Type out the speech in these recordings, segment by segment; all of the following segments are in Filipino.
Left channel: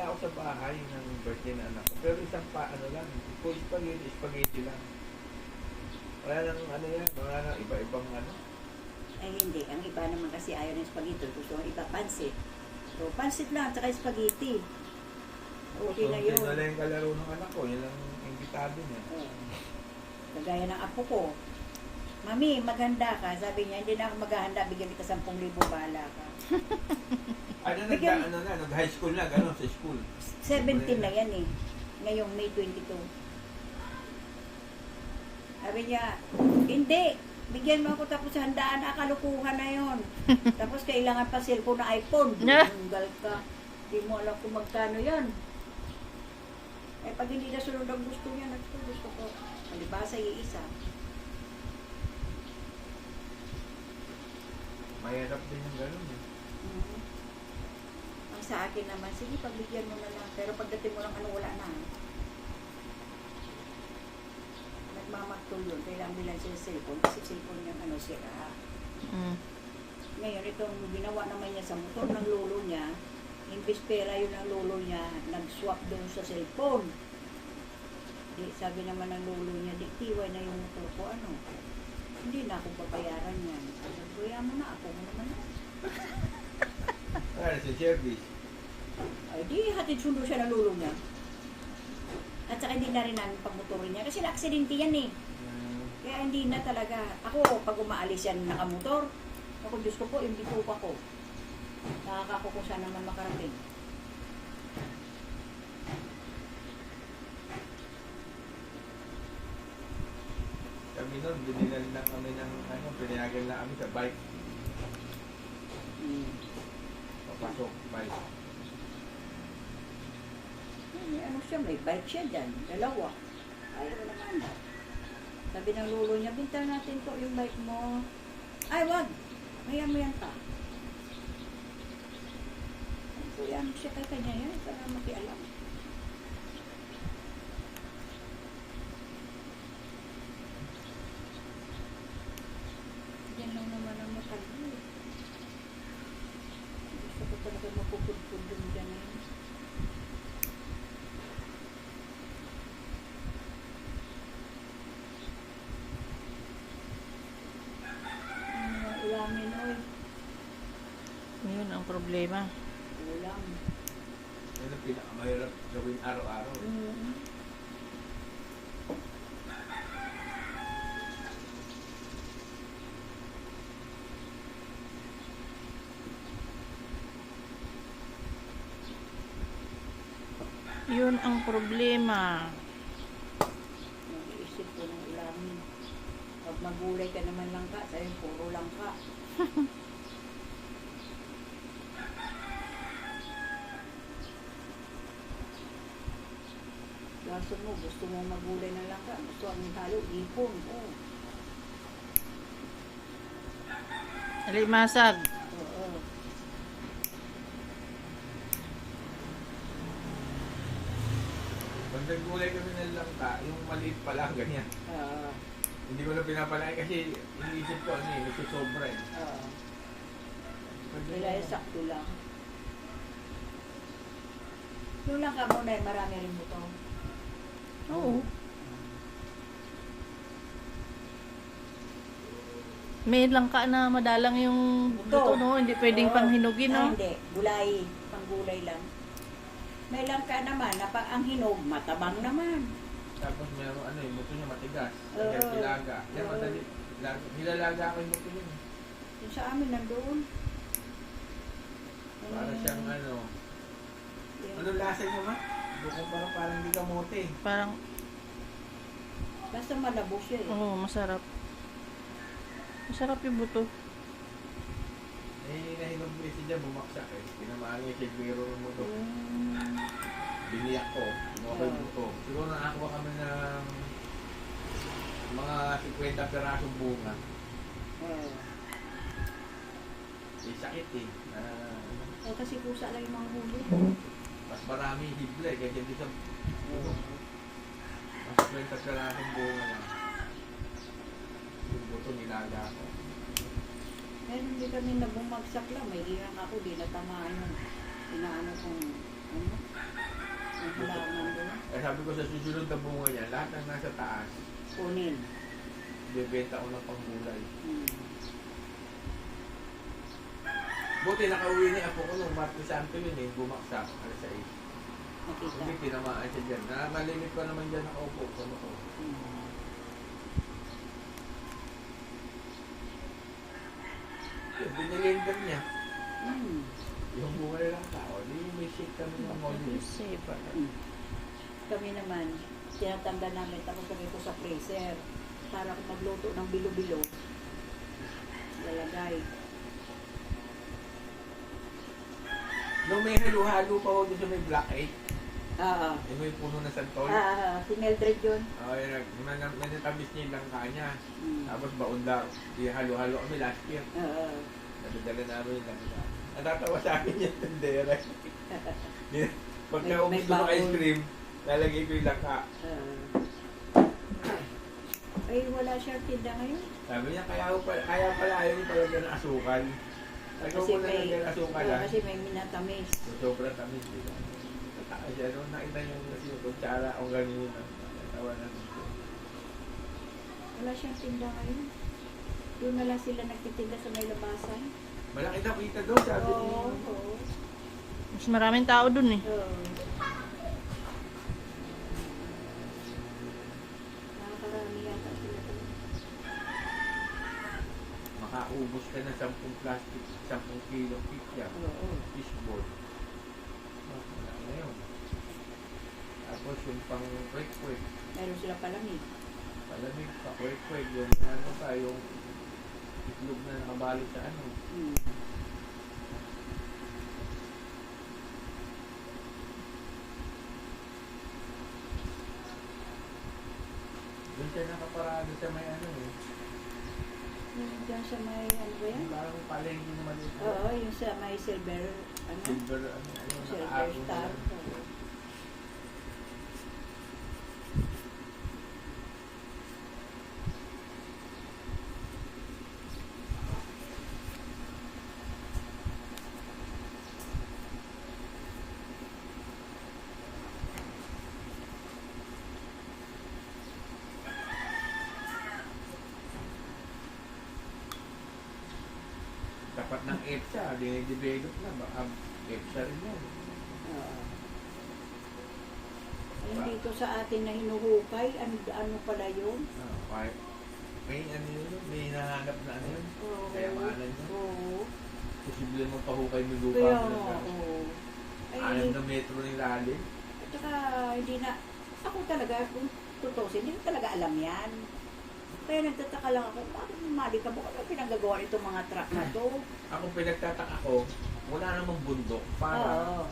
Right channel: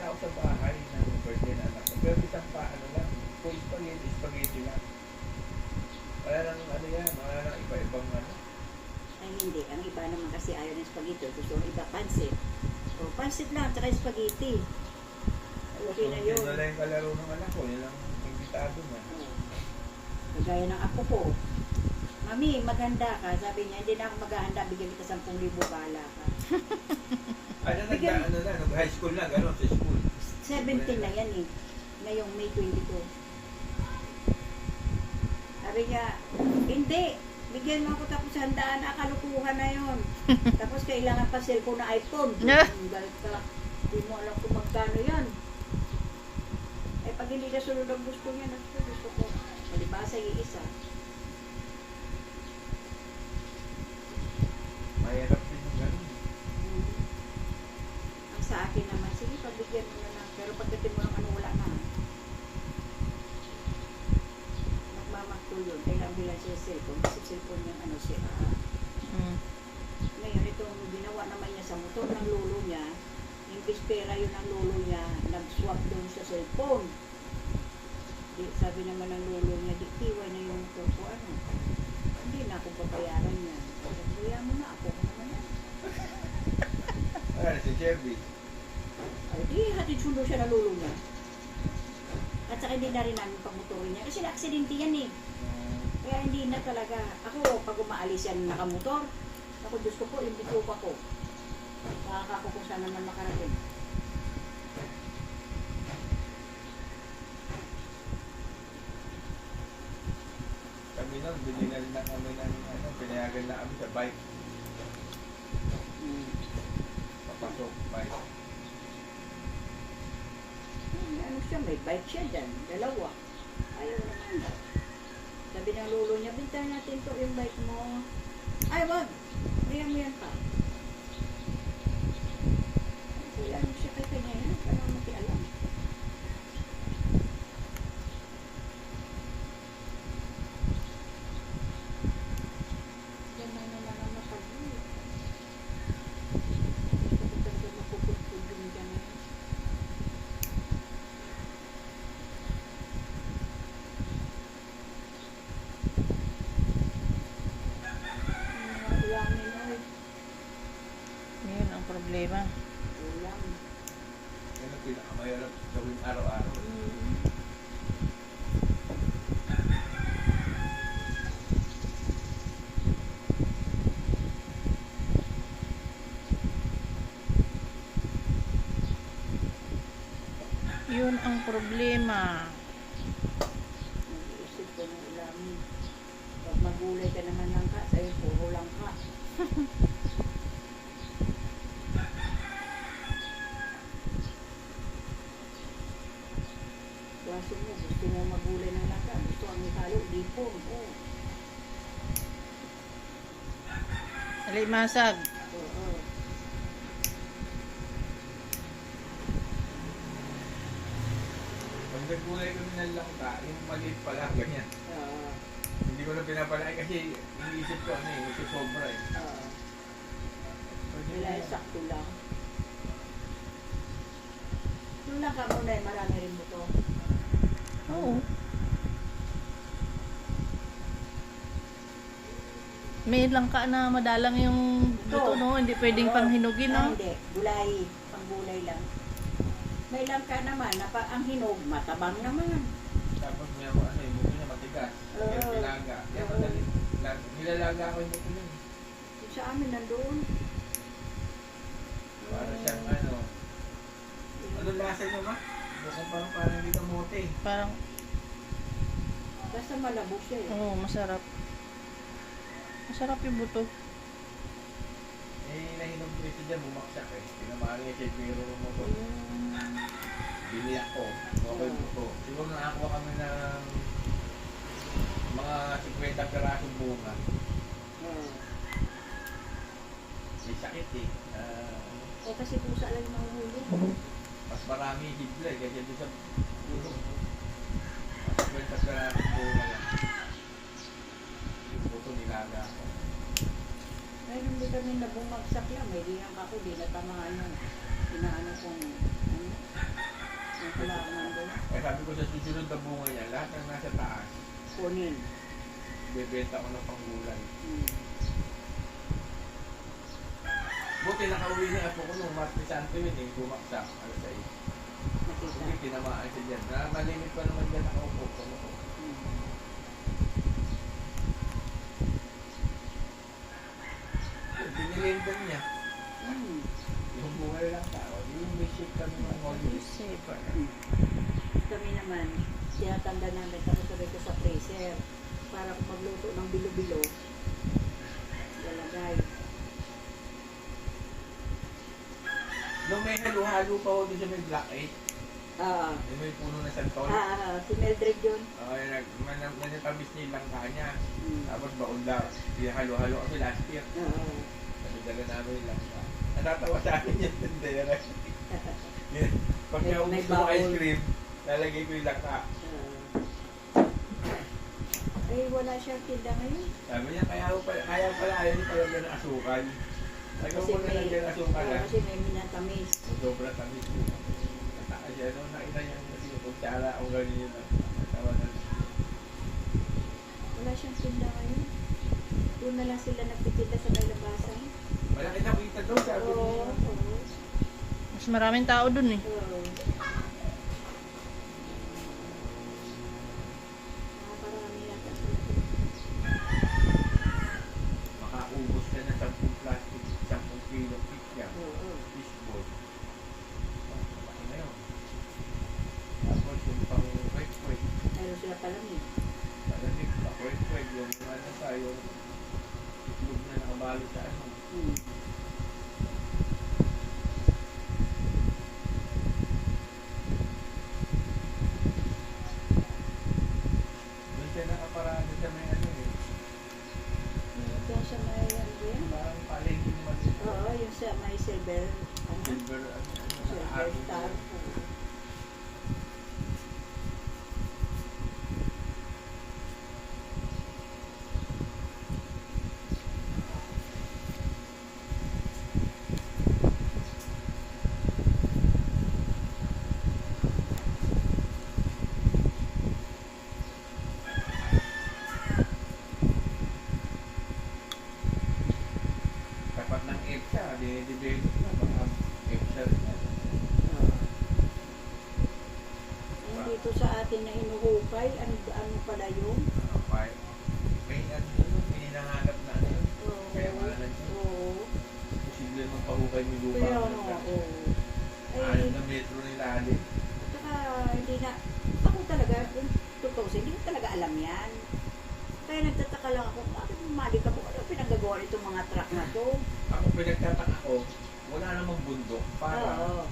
maganda ako sa bahay ng birthday na anak ko. Pero isang ano lang, kung spaghetti lang. Wala nang ano yan, wala nang iba-ibang ano. Ay hindi, ang iba naman kasi ayaw ng spaghetti. Gusto ng iba pansit. So, pansit lang, tsaka spaghetti. Okay na yun. Wala yung kalaro ng anak ko, nilang imbitado na. Kagaya ng apo ko. Mami, maghanda ka. Sabi niya, hindi na ako maghahanda. Bigyan kita 10,000 bala ka. Ano na, high school na, gano'n sa school. 17 na yan eh. Ngayong May 22. Sabi niya, hindi. Bigyan mo ako tapos handaan. Kalukuhan na yun. Tapos kailangan pa cellphone na iPhone. Tunggal ka. Hindi mo alam kung magkano yan. Eh pag hindi na sunod ang gusto niya, gusto ko. Alibasa iisa. Mahirap din yung gano'n. Ang sa akin naman, sige, pagbigyan mo na lang. Pero pagdating mo ng ano, wala na. Magmamakul yun. Kailangan bilang siya cellphone. Kasi cellphone yung ano sira. Ngayon, itong ginawa naman niya sa motor ng lolo niya, imbis pera yun ang lolo niya, nag-swap doon sa cellphone. Sabi naman ng lolo niya, diktiwa na yung motor ko, ano. Hindi na ako babayaran yan. Kaya mo na ako naman yan. Ay, si service. Ay, di hatid sundo siya ng lolo niya. At saka hindi na rin namin pagmotorin niya. Kasi na-aksidente yan eh. Kaya hindi na talaga. Ako, pag umaalis yan nakamotor, ako, Diyos ko po, yung bitupa ko. Nakakako kung saan naman makarating. Kami nun, binilan na kami ng ano, pinayagan na kami sa bike. Papasok, bike. May ano siya, may bike siya dyan. Dalawa. Ayaw naman. Sabi ng lolo niya, bintang natin to yung bike mo. Ay, wag! Kaya mo yan pa. Kaya ano siya kay kanya yan, para makialam. Yan lang naman ang matagli. Gusto ko talaga mapupudpud yung dyan eh. Ulamin oy. Yun ang problema. Ulam. Yan ang pinakamahirap gawin araw-araw. Yun ang problema. Nag-iisip ko ng ulamin. Pag magulay ka naman lang ka, sa'yo puro lang ka. Kaso mo, gusto mo magulay ng langka. Gusto ang halo, ipon. Oh. Alimasag. Oo. Pag naggulay kami ng langka, yung maliit pa lang, ganyan. Hindi ko na pinapalaki kasi iniisip ko ano eh, nagsusobra eh. Nila sakto lang. Yung langka mo na marami rin mo to. Oo. May langka na madalang yung buto, no? Hindi pwedeng panghinugin, no? Hindi, gulay. Panggulay lang. May langka naman, na pag ang hinog, matabang naman. Tapos meron ano yung buto niya matigas. Kaya pilaga. Yan madali. Nilalaga ko yung buto niya. Yung sa amin nandoon. Para siyang ano. Anong lasa niyo ba? Bukong parang hindi kamote. Parang, Basta malabo siya eh. oo, masarap. Masarap yung buto. Eh, nahinog rin siya bumaksak eh. Tinamaan niya kay Guero ng motor. Biniyak ko. Okay buto. Siguro nakakuha kami ng mga 50 perasong bunga. May sakit eh. Eh kasi pusa lang yung manghuli. Mas marami hibla eh. Kaya dyan sa puno. Mas 50 perasong bunga lang. Yung buto nilaga ko. Ngayon hindi kami nabumagsak lang. May ringan ako, di na pa maano. Inaano kong ano. Yung halaman doon. Kaya sabi ko sa susunod na bunga niya, lahat ng nasa taas, Kunin. bebenta ko ng panggulay. Hmm. Buti nakauwi na ako ko nung Martes Santo yun eh, bumaksak. Alas 6. Nakita. Hindi, tinamaan siya dyan. Malingit pa naman dyan ako po. Hmm. Yun, pinilindan niya. Hmm. Yung bunga lang tao. Di may shake kami ng Happy mommy. saver. Kami naman, tinatanda namin, tapos sabi ko sa freezer, para kung magluto ng bilo-bilo, lalagay. Nung may halo-halo pa ako dun sa may black egg, Ah, yung may puno na santol. si Mildred yun. Manitamis niya yung langka niya. Hmm. Tapos baon daw. Halo-halo kami last year. Oo. Nadadala namin yung langka. Natatawa sa akin yung tendera. Pag May naubos ko ng baon. ice cream, lalagay ko yung langka. Ay, wala siyang tinda ngayon. Sabi niya, kaya pala ayaw niya talaga ng asukal. Sabi ko Kasi na may, lagyan ng asukal ha. kasi may minatamis. Yung sobra tamis yun. Natakas siya, no? Nakita niya yung kutsara o gano'n yun. Natawa na. Wala siyang tinda ngayon. Doon na lang sila nagtitinda sa may labasan. Malaki na kita doon, sabi Oo, niya. oo. Mas maraming tao dun eh. Oo. Nakakarami yata sila. Makaubos ka na 10 plastic, 10 kilo pizza, Oo. fishball. Malaki na yun. Tapos yung pang kwek-kwek, Meron sila palamig. malamig pa, kwek-kwek, yung ano pa, yung itlog na nakabalot sa ano. Hmm. Doon siya nakaparado sa may ano eh. Diyan siya may ano ba yan? Parang palengke maliit. Oo, yung sa may silver, ano? Silver, Silver nakaagong star. yan. Oo. Tapat ng EPSA, di-develop na, baka EPSA rin mo. Oo. Ayun dito sa atin na hinuhukay, ano pala yun? May ano yun, may nangangat na ano yun. Oo. Kaya maalan yun. Oo. Posible naman pahukay ng lupa. Kaya mo nga, ng oo. anim Ay, na metro ng ilalim. at saka hindi na, ako talaga, kung totoo, hindi ko talaga alam yan. Kaya nagtataka lang ako, bakit mali ka mo? Ano pinagagawa nitong mga truck na to? Ako pinagtataka ko, wala namang bundok para Oo.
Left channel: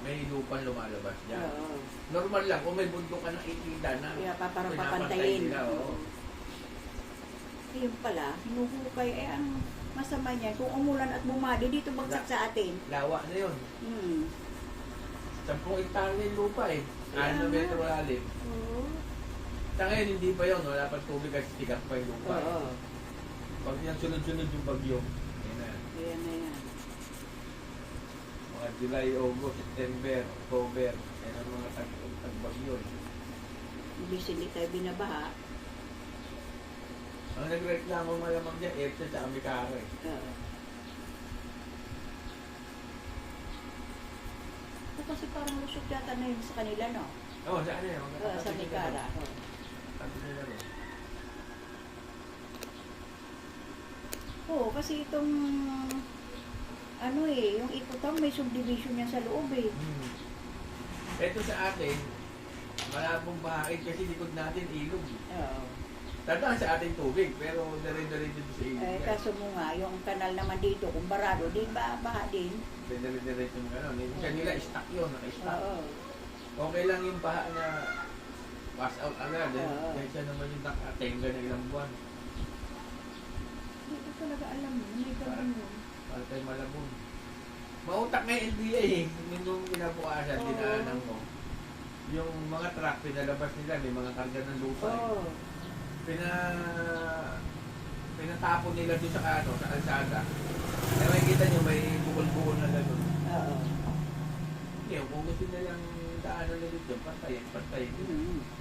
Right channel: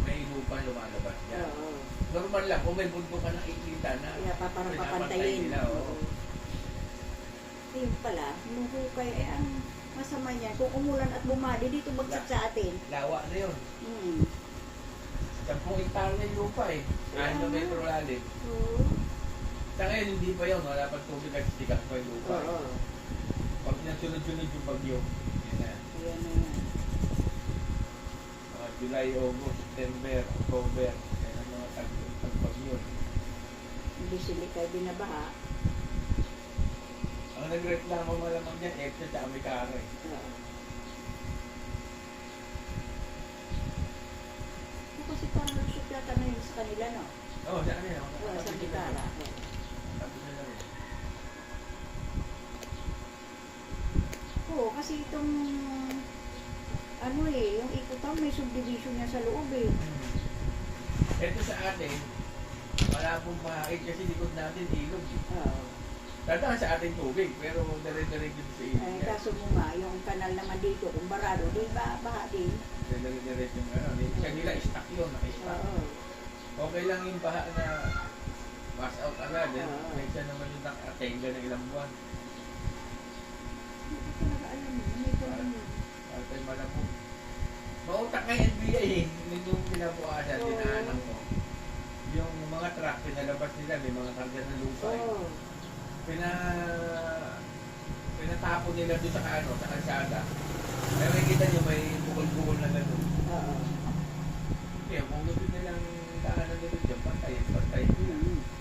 may lupa lumalabas dyan. Oo. Normal lang, kung may bundok ka nakikita na Kaya pa parang pinapantay papantayin. nila, oo. Ayun pala, hinuhukay, eh ang masama niyan, kung umulan at bumali, dito bagsak sa atin. Lawa na yun. Hmm. 10 hektarya yung lupa eh. 6 na Kaya metro nga. lalim. Oo. Sa ngayon, hindi pa yun. Wala pang tubig at sikat pa yung lupa. Oo. Pag yung sunod-sunod yung bagyo, yan na yan. Ayan na yan. Mga July, August, September, October, yan ang mga tagbagyo. Imbis hindi tayo binabaha. Ang nagreklamo malamang dyan, EPSA at Amikara eh. Oo. Kasi parang lusot yata na yun sa kanila, no? Oo, saan yan? Sa Mikara. Oo. Sabi nila rin. Oo, kasi itong ano eh, yung Ikutang may subdivision niya sa loob eh. Ito sa atin, wala pong bahid kasi likod natin ilog. Oo. Tandaan sa ating tubig, pero dire-diretso sa ilog. Eh, yan. kaso mo nga, yung kanal naman dito, kung barado, di ba baha din? Dire-diretso yung ano. Kanila, stock yun, naka-stock. Oo. Okay lang yung baha na pass out agad. Oo. Kaysa naman yung nakatenga ng ilang buwan. Hindi ko talaga alam yun, may ganun yun. Para tayo malabon. Mautak nga yung NBA eh. Yung kinabukasan, Oo. dinaanan ko. Yung mga truck, pinalabas nila, may mga karga ng lupa. eh. Oo. Pinatapon nila doon sa ano, sa kalsada. Kaya makikita nyo may bukol-bukol na gano'n. Oo. Hindi, kung gusto nilang daanan nila dyan, pantayin nila. Mm.